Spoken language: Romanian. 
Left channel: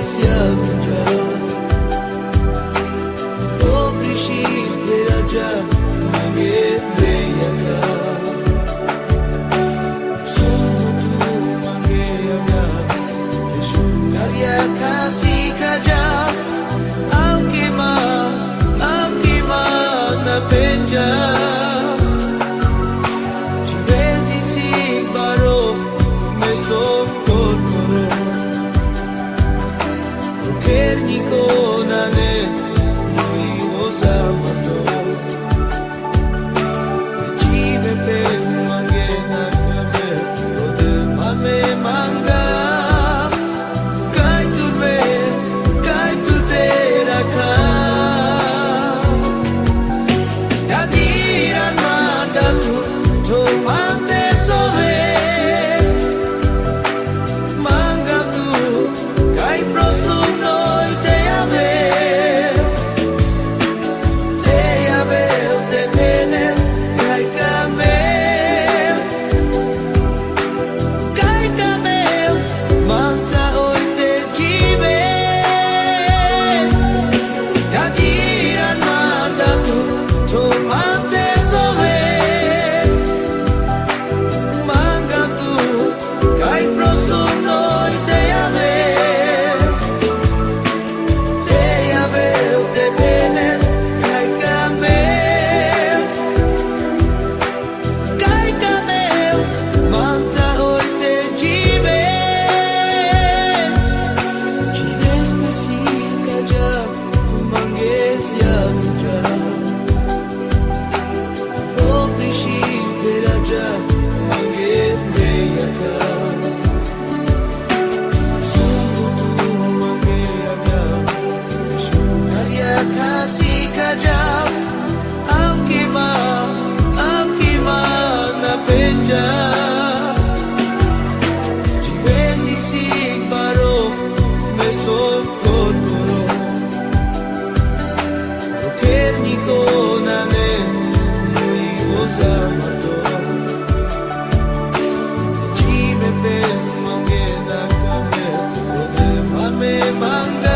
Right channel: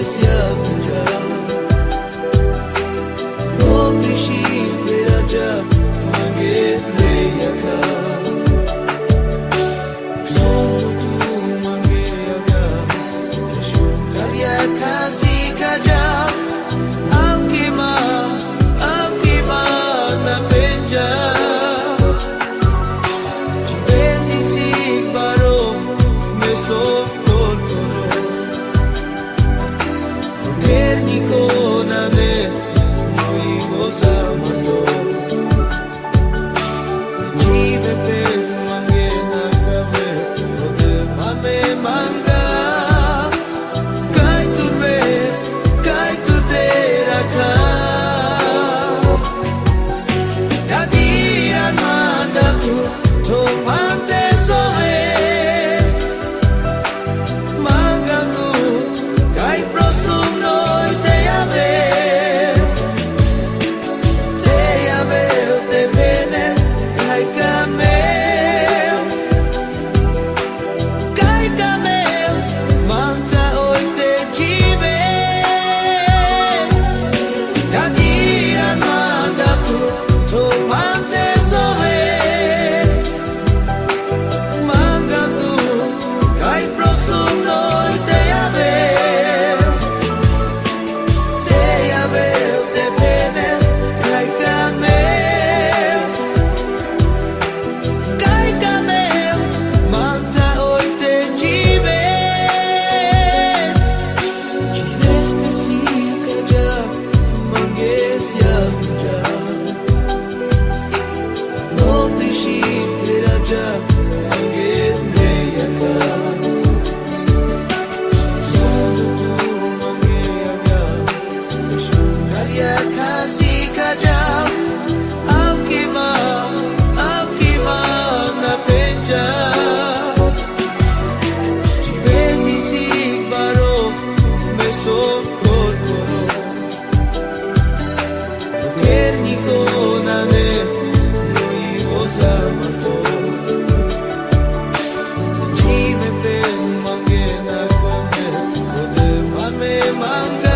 mangesia vinja Robrishi peraja mange meyaka Sumutu mange avya Peshudaria kasi kaja Aukima na penja Chivesi sig baro me sof koro Rokernico nane noi osa mato Jive pes mange na kame rode mame manga Kai tu te rakha Kadiran manda tu tomante sove Manga tu kai prosum noi te ave te pene kai camel manta oi te jive Kadiran manda tu tomante sove Manga tu kai prosum noi te ave te pene kai camel manta oi te jive spesica ja mangesia vinja Robrishi peraja mange meyaka Sumutu mange avya Peshudaria kasi kaja Aukima na penja Chivesi sig baro me sof koro Rokernico nane osa mato Jive pes mange na kame rode mame manga